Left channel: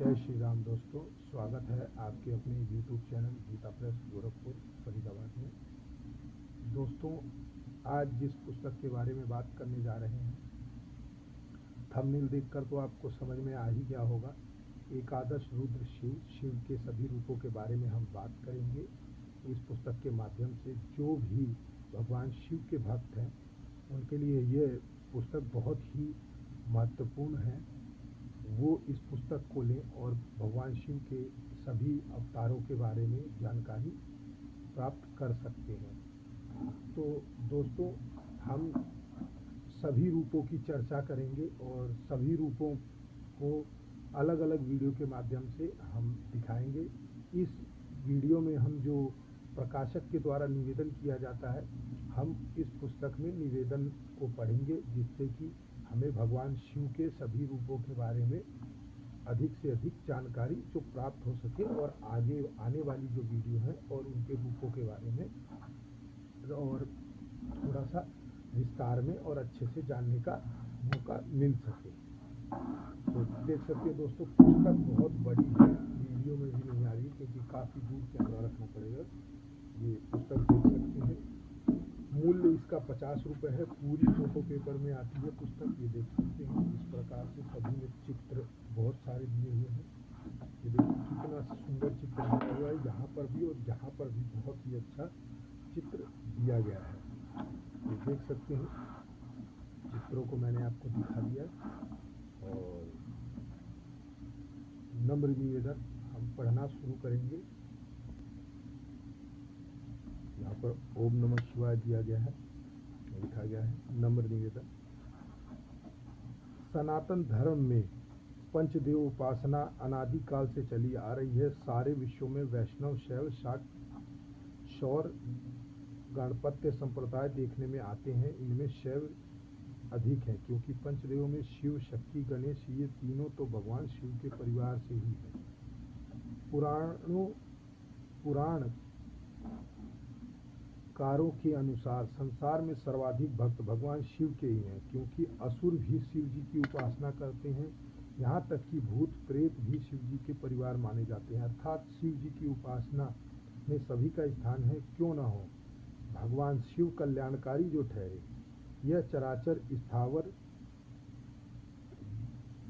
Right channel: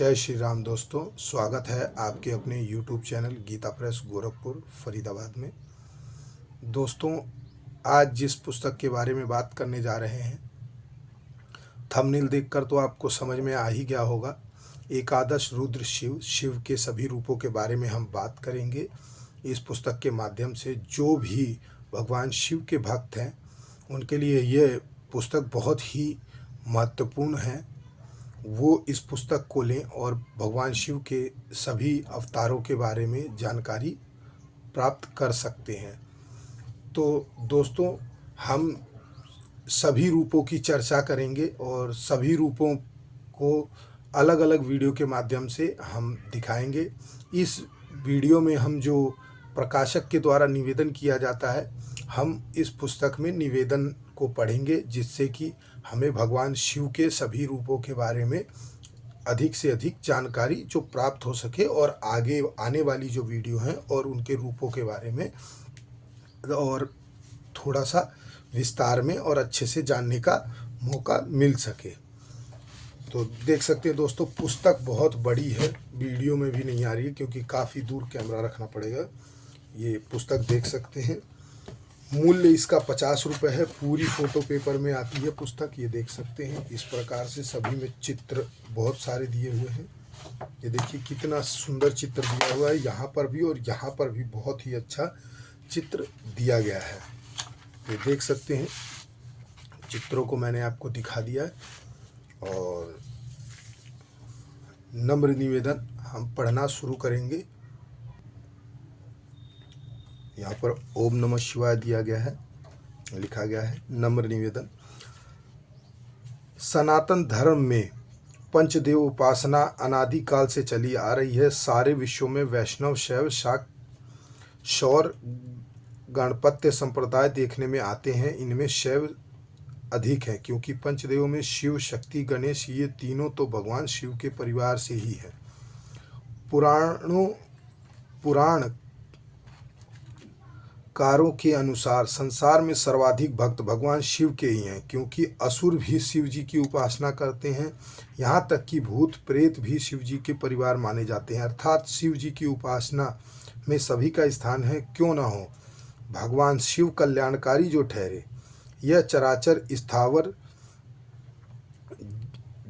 जय श्री राम दोस्तों, स्वागत है आपके अपने YouTube चैनल गीता प्रेस गोरखपुर फरीदाबाद में। दोस्तों, आज जिस पुस्तक के बारे में बात करने जा रहे हैं, थंबनेल देखकर तो आपको समझ में आ ही गया होगा। एकादश रुद्र शिव, शिव के सभी रूपों के बारे में हम बात करेंगे। इस पुस्तक के माध्यम से जो भी भगवान शिव के भक्त हैं उनके लिए यह पुस्तक बहुत ही महत्वपूर्ण है। वो इस पुस्तक को लें और भगवान शिव के सभी अवतारों के बारे में जानकारी प्राप्त कर सकते हैं। तो दोस्तों, हम सभी रूपों की चर्चा करेंगे और सभी रूपों को अलग अलग वीडियो के माध्यम से हम दिखाएंगे। इस वीडियो में हम जो प्रकाशक के द्वारा निवेदन किया जाता है, हम इस पुस्तक में निवेदन को पढ़ेंगे, जिससे कि हमें भगवान शिव के सभी रूपों के बारे में अधिक से अधिक जानकारी जो प्राप्त हो सके और आगे आने वाली जो वीडियो हैं और उनके रूपों के बारे में और थोड़ा सा विस्तार में और अच्छे से जानने का मौका मिल सके। तो देख सकते हैं दोस्तों, पुस्तक बहुत बड़ी है, वीडियो में भी नहीं आ रही है क्योंकि काफ़ी दूर कैमरा रखना पड़ेगा। ये पुस्तक देख सकते हैं, मूल्य इसका 50 रुपये है। पूरी फ़ोटो पेपर में आती है पुस्तक, ये देख सकते हैं। इस प्रकार से सभी में चित्र बहुत सारे दिए हुए हैं। ये देखिए कितना सुंदर चित्र दिया हुआ है, यहाँ पर भी और यहाँ पर भी बहुत ही अच्छा चित्र दिया गया है। ये देख सकते हैं, चित्रों को मैंने आपको दिखा दिया है। और नम्र निवेदन, हम पढ़ना शुरू करेंगे। यहाँ पर ओम नमः शिवाय दिया गया है, लिखा गया है। नम्र निवेदन, सनातन धर्म में पंचदेव उपासना अनादिकाल से चली आ रही है। सारे विश्वों में वैष्णव, शैव, शाक्त, शौर, गणपत्य संप्रदाय देखने में आते हैं। इनमें शैव अधिक है क्योंकि पंचदेवों में शिव, शक्ति, गणेश, ये तीनों तो भगवान शिव के परिवार से ही है। पुराण कारों के अनुसार संसार में सर्वाधिक भक्त भगवान शिव के ही हैं, क्योंकि असुर भी शिव जी की उपासना करते हैं। यहाँ तक कि भूत प्रेत भी शिव जी के परिवार माने जाते हैं। अर्थात शिव जी की उपासना में सभी का स्थान है। क्यों ना हो, भगवान शिव कल्याणकारी जो ठहरे। यह चराचर स्थावर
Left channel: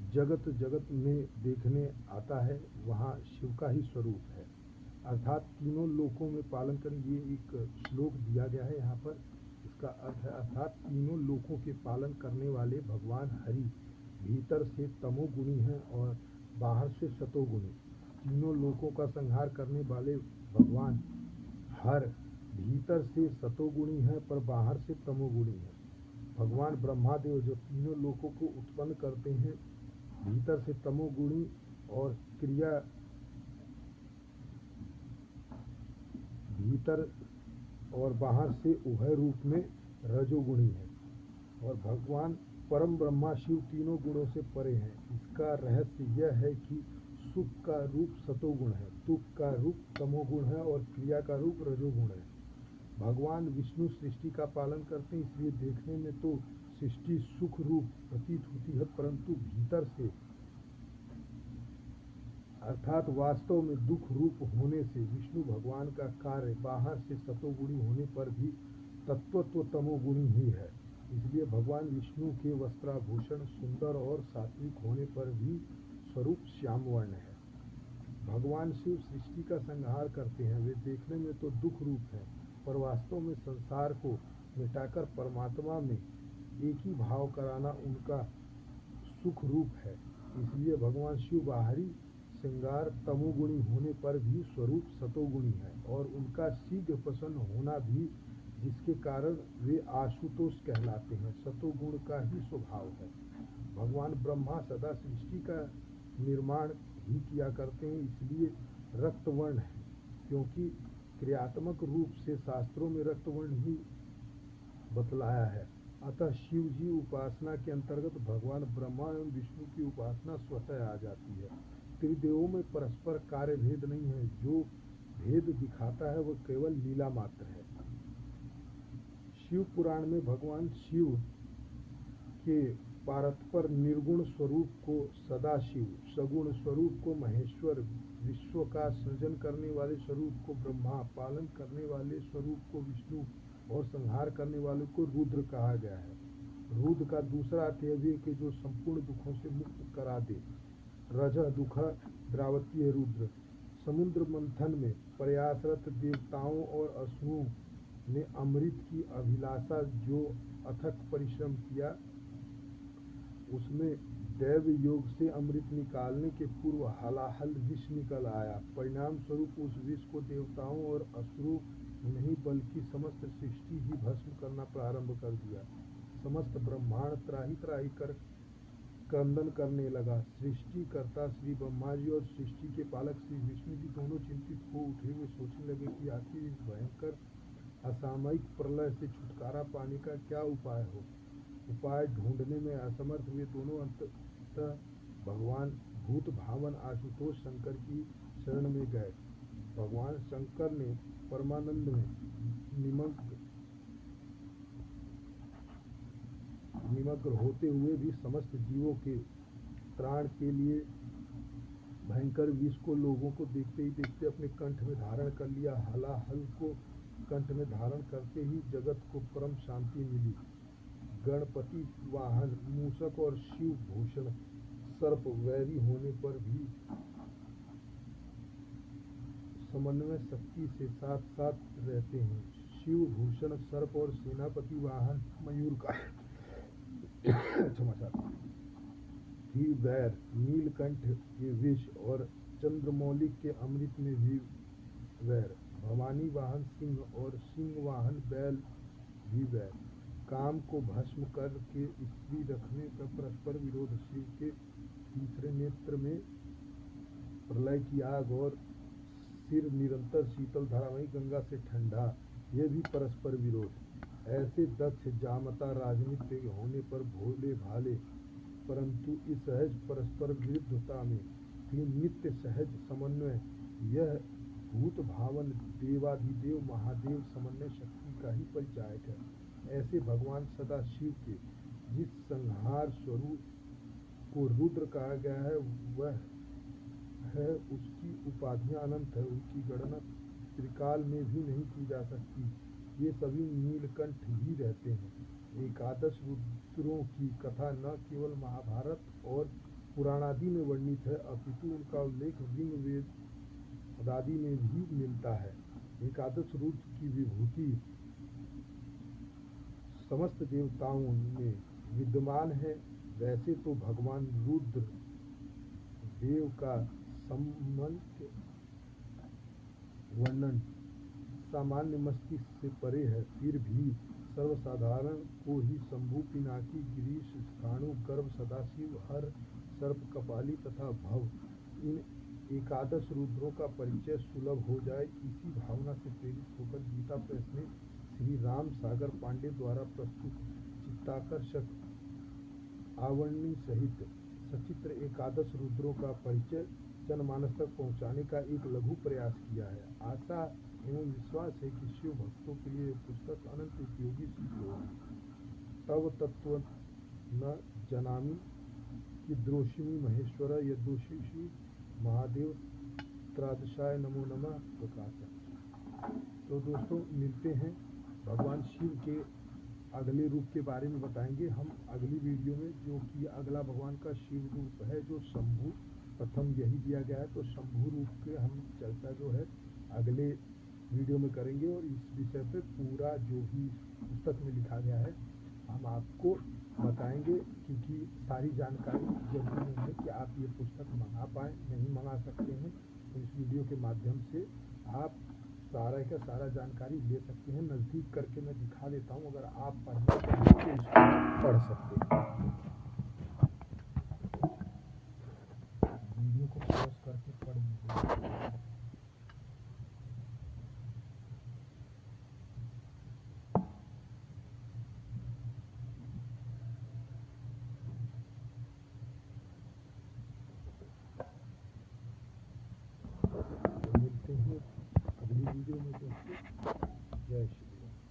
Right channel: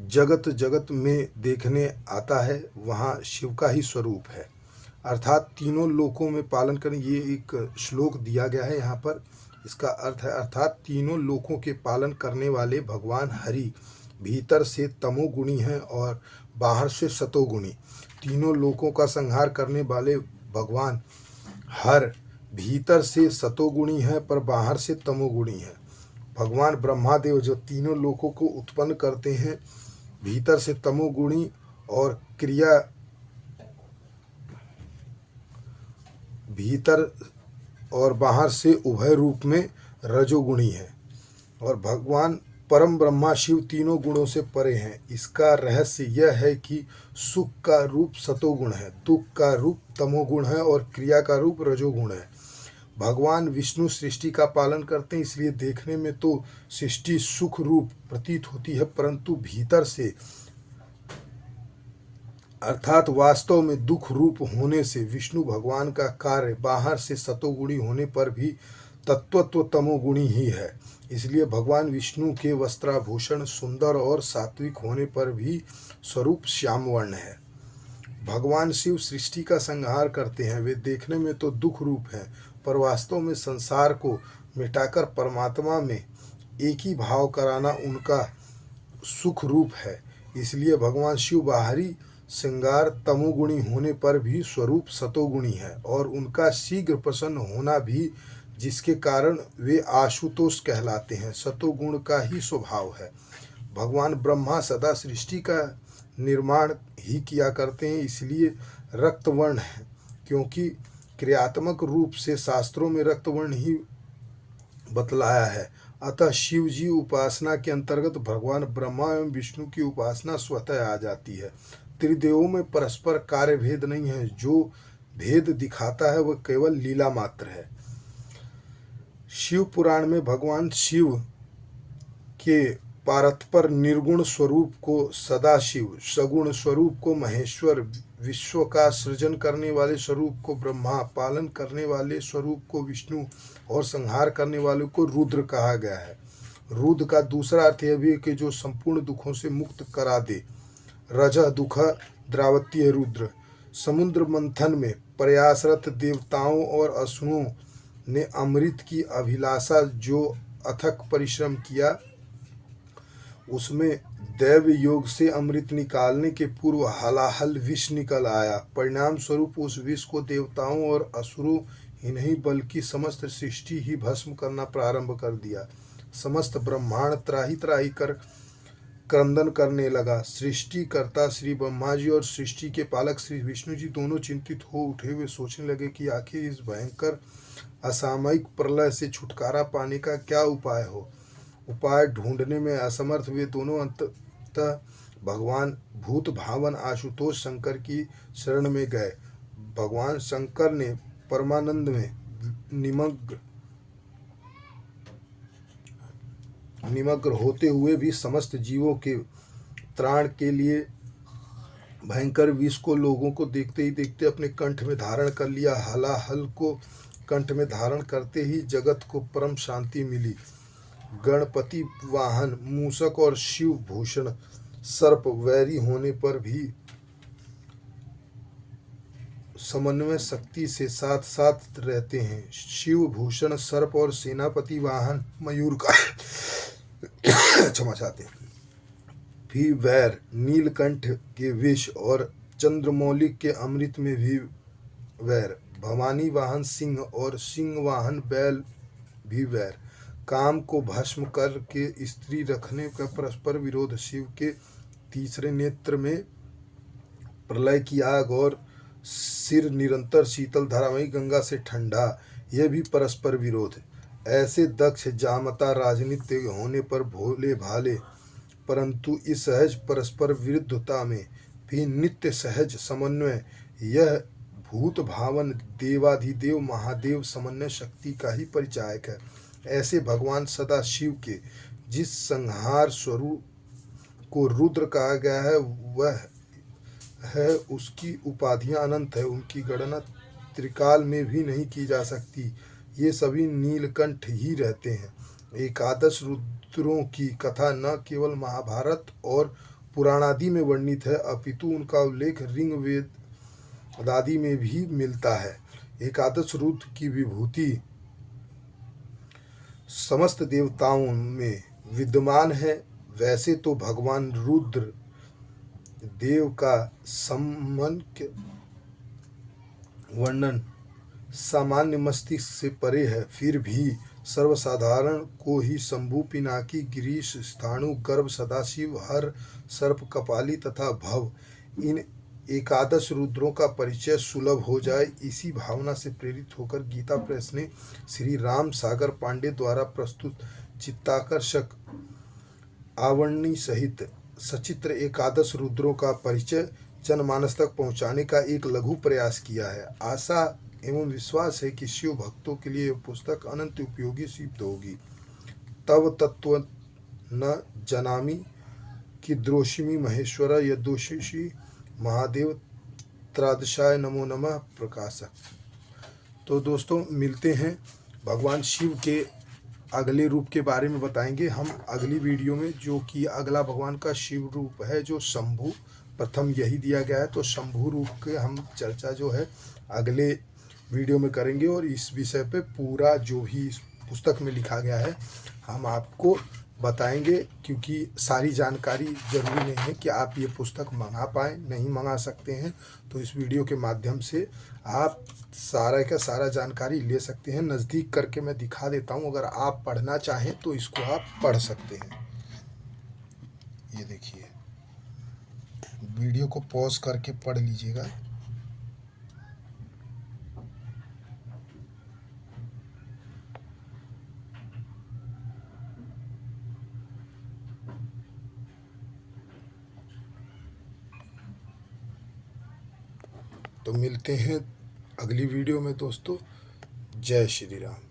जगत जगत में देखने आता है, वहाँ शिव का ही स्वरूप है। अर्थात तीनों लोकों में पालन करें, ये एक श्लोक दिया गया है यहाँ पर। इसका अर्थ है अर्थात तीनों लोकों के पालन करने वाले भगवान हरि भीतर से तमोगुणी हैं और बाहर से सतोगुणी। तीनों लोकों का संहार करने वाले भगवान हर भीतर से सतोगुणी हैं पर बाहर से तमोगुणी हैं। भगवान ब्रह्मादेव जो तीनों लोकों को उत्पन्न करते हैं, भीतर से तमोगुणी और क्रिया भीतर और बाहर से उभय रूप में रजोगुणी है। और भगवान परम ब्रह्मा शिव तीनों गुणों से परे हैं। इसका रहस्य यह है कि सुख का रूप सतोगुण है, दुख का रूप तमोगुण है और क्रिया का रूप रजोगुण है। भगवान विष्णु सृष्टि का पालन करते हैं, इसलिए देखने में तो सृष्टि सुख रूप प्रतीत होती है, परंतु भीतर से अर्थात वास्तव में दुख रूप होने से विष्णु भगवान का कार्य बाहर से सतोगुणी होने पर भी तत्वत्व तमोगुणी ही है। इसलिए भगवान विष्णु के वस्त्राभूषण सुंदर और सात्विक होने पर भी स्वरूप श्याम वर्ण है। भगवान शिव सृष्टि का संहार करते हैं। वे देखने में तो दुख रूप हैं, पर वास्तव में संसार को मिटाकर परमात्मा में एक ही भाव कराना उनका सुख रूप है। इसलिए भगवान शिव बाहरी श्रृंगार तमोगुणी होने पर भी स्वरूप सतोगुणी है और उनका शीघ्र प्रसन्न होना भी, जिसके कारण वे आशुतोष कहलाते हैं, सतोगुण का ही स्वभाव है। भगवान ब्रह्मा सदा सृष्टि का निर्माण ही किया करते हैं, इसलिए रक्तवर्ण है, क्योंकि क्रियात्मक रूप से शास्त्रों में रक्तवर्ण ही बतलाया है। अतः शिव जी उपासना के अंतर्गत भगवान ब्रह्मा एवं विष्णु की उपासना स्वतः आ जाती है। त्रिदेवों में परस्पर कार्य भेद नहीं है, जो भेद दिखाता है वह केवल लीला मात्र है। शिव पुराण में भगवान शिव के पारत्पर निर्गुण स्वरूप को सदाशिव, सगुण स्वरूप को महेश्वर, विश्व का सृजन करने वाले स्वरूप को ब्रह्मा, पालन करने वाले स्वरूप को विष्णु और संहार करने वाले को रुद्र कहा गया है। रुद्र का दूसरा अर्थ यह भी है कि जो संपूर्ण दुखों से मुक्त करा दे। रजः दुख द्रावतीय रुद्र। समुद्र मंथन में प्रयासरत देवताओं और असुरों ने अमृत की अभिलाषा जो अथक परिश्रम किया, उसमें दैव योग से अमृत निकालने के पूर्व हलाहल विष निकल आया। परिणाम स्वरूप उस विष को देवताओं और असुरों ही नहीं बल्कि समस्त सृष्टि ही भस्म करना प्रारंभ कर दिया। समस्त ब्रह्मांड त्राही त्राही कर क्रंदन करने लगा। सृष्टिकर्ता श्री ब्रह्मा जी और सृष्टि के पालक श्री विष्णु जी दोनों चिंतित हो उठे। वे सोचने लगे कि आखिर इस भयंकर असामयिक प्रलय से छुटकारा पाने का क्या उपाय हो। उपाय ढूंढने में असमर्थ वे दोनों अंततः भगवान भूत भावन आशुतोष शंकर की शरण में गए। भगवान शंकर ने परमानंद में निमग्न होते हुए भी समस्त जीवों के त्राण के लिए भयंकर विष को लोगों को देखते ही देखते अपने कंठ में धारण कर लिया। हलाहल को कंठ में धारण करते ही जगत को परम शांति मिली। गणपति वाहन मूषक और शिव भूषण सर्प वैरी होने पर भी समन्वय शक्ति से साथ साथ रहते हैं। शिव भूषण सर्प और सेनापति वाहन मयूर का क्षमा चाहते हैं भी वैर, नीलकंठ के विष और चंद्रमौलिक के अमृत में भी वैर, भवानी वाहन सिंह और सिंह वाहन बैल भी वैर, काम को भस्म करके स्त्री रखने का परस्पर विरोध, शिव के तीसरे नेत्र में प्रलय की आग और सिर निरंतर शीतल धारामयी गंगा से ठंडा, यह भी परस्पर विरोध। ऐसे दक्ष जामता राजनीति होने पर भोले भाले, परंतु इस सहज परस्पर विरुद्धता में भी नित्य सहज समन्वय, यह भूत भावन देवाधिदेव महादेव समन्वय शक्ति का ही परिचायक है। ऐसे भगवान सदा शिव के जिस संहार स्वरूप को रुद्र कहा गया है वह है, उसकी उपाधियां अनंत है, उनकी गणना त्रिकाल में भी नहीं की जा सकती। ये सभी नीलकंठ ही रहते हैं। एकादश रुद्रों की कथा न केवल महाभारत और पुराणादि में वर्णित है अपितु उनका उल्लेख ऋग्वेद आदि में भी मिलता है। एकादश रुद्र की विभूति समस्त देवताओं में विद्यमान है। वैसे तो भगवान रुद्र देव का सामान्य वर्णन सामान्य मस्तिष्क से परे है, फिर भी सर्वसाधारण को ही शंभु, पिनाकी, गिरीश, स्थाणु, गर्भ, सदाशिव, हर, सर्प, कपाली तथा भव, इन एकादश रुद्रों का परिचय सुलभ हो जाए, इसी भावना से प्रेरित होकर गीता प्रेस ने श्री राम सागर पांडे द्वारा प्रस्तुत चित्ताकर्षक आवरणी सहित सचित्र एकादश रुद्रों का परिचय जनमानस तक पहुंचाने का एक लघु प्रयास किया है। आशा एवं विश्वास है कि शिव भक्तों के लिए यह पुस्तक अनंत उपयोगी सिद्ध होगी। तव तत्व न जनामि कि द्रोषिमि महेश्वर यदोषिषि महादेव त्रादशाय नमो नमः प्रकाशक। तो दोस्तों मिलते हैं, भगवान शिव के अगले रूप के बारे में बताएंगे हम अगली वीडियो में, जो कि अगला भगवान का शिव रूप है जो शंभु, प्रथम यही दिया गया है। तो शंभु रूप के हम चर्चा जो है अगले वीडियो में करेंगे और इस विषय पे पूरा जो भी इस पुस्तक में लिखा गया है हम आपको बताएंगे, क्योंकि सारी जानकारी जरूरी नहीं है कि आप ये पुस्तक मंगा पाएँ, नहीं मंगा सकते हैं। तो इस वीडियो के माध्यम से आप सारा का सारा जानकारी ले सकते हैं। नज़दीक करके मैं दिखा देता हूँ, अगर आप पढ़ना चाहें तो इसको आप पढ़ सकते हैं। ये देखिए, वीडियो को पॉज करके पढ़ लीजिएगा। तो मिलते हैं अगली वीडियो में दोस्तों। जय श्री राम।